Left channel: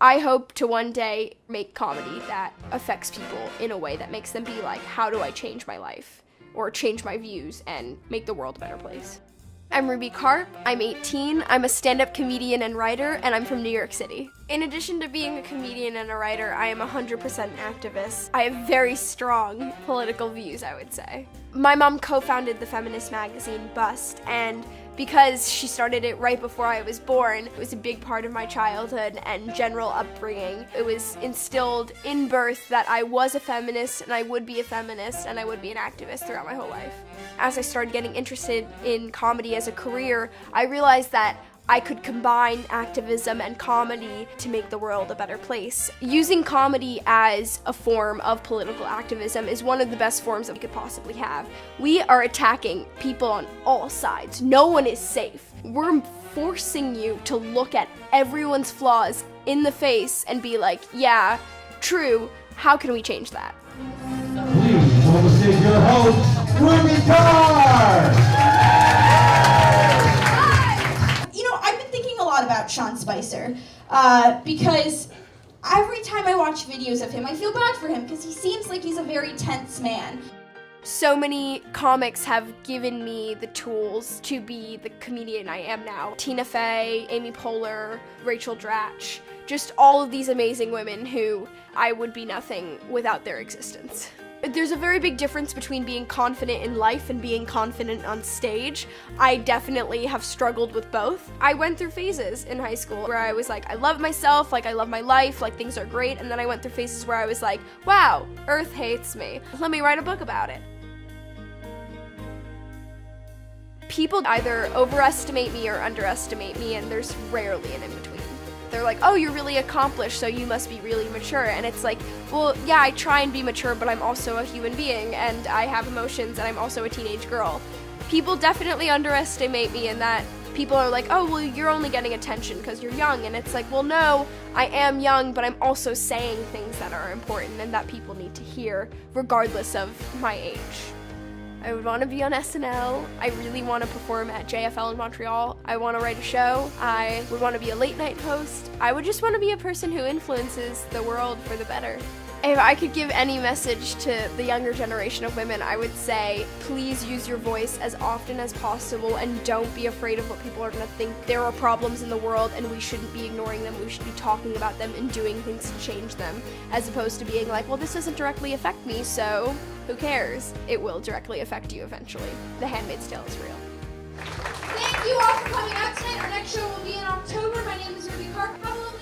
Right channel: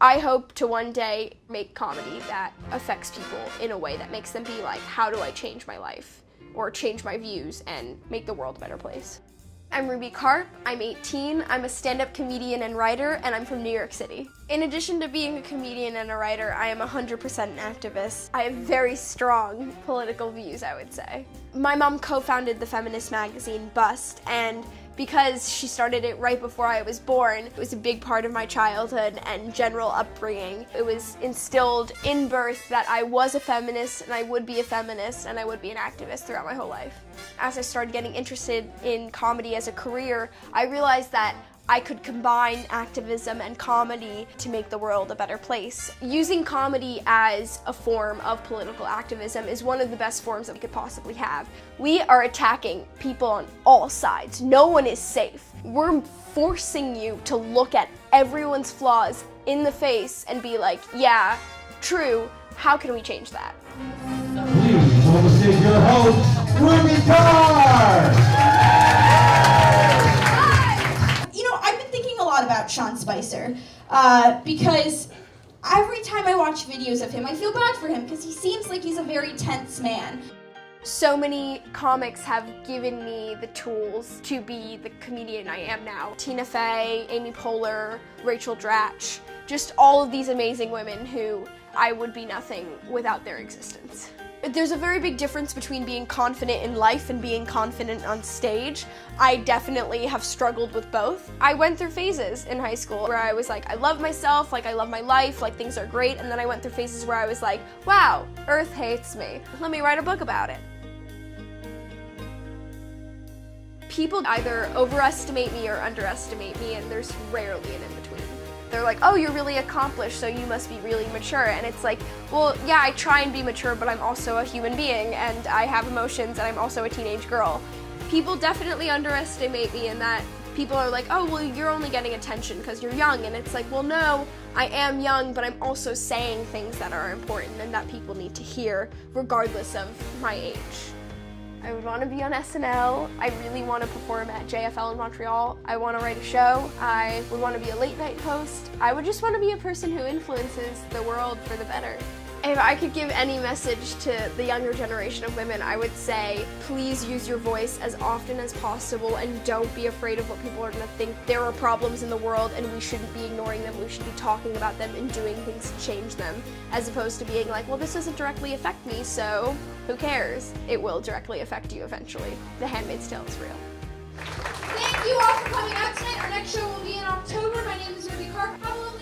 I hope to one day make comedy that affects people in a way that makes them be like, how do I change my life? Or change my views and make the world a better place. I'm Ruby Karp, I'm 18, I'm a stand-up comedian and writer, and I'm from New York City. In addition to being a comedian and a writer, I am 100% an activist. I have very strong political views, I would say. My mom co-founded the feminist magazine Bust, and because she started it right before I was born, it was a big part of my childhood and general upbringing. It was instilled in birth that I was a feminist and I would be a feminist and I would be an activist throughout my whole life. As I started getting interested in comedy as a career, I realized that I could combine activism and comedy to make the world a better place. Using comedy as a form of political activism is one of the best forms that we could possibly have. We are attacking people on all sides. No one is safe. We're forcing you to look at everyone's flaws in the face and be like, yeah, true, how can we change that? Please welcome to stage your host, Ruby Karp! About Sean Spicer because every time I watch videos of him, I feel bad for him because he seems like he's a very tense man. So many comics have given me the tools to be the comedian I am now. Tina Fey, Amy Poehler, Rachel Dratch, just all of these amazing women who I would be nothing without their existence. There's a very big difference between being confident in life and being confident on stage. I definitely have struggled with both. I went through phases in high school where I was like, I love myself, like I love my life, like things are great, and then I went through phases where I was like, wow, Earth hates me. Let me write a book about it. People either overestimate me or underestimate me, and there's rarely an in-between. They're like, oh, you're really accomplished, so you must be really mature. And it's like, well, yeah, I try and be mature, but I'm also a human being, and I have emotions, and I'm also a teenage girl. People definitely underestimate me in that people are like, oh, well, you're only getting attention because you're young. And it's like, well, no, I am young, but I'm also saying things that are important and that people need to hear, regardless of my age. I would want to be on SNL. I really want to perform at JFL in Montreal. I want to write a show. I would want to be a late night host. I would just want to be a person who influences the world for the better. If I could give any message to the younger generation of women, I would say, please use your voice as often as possible and don't be afraid of what people are going to think. There are problems in the world and we shouldn't be ignoring them. We should be talking about them and doing things to change them, as opposed to being like, well, this doesn't directly affect me, so who cares? It will directly affect you eventually. The Handmaid's Tale is real. Thank you all for coming out tonight. Our next show will be in October. My name is Ruby Karp. Have a lovely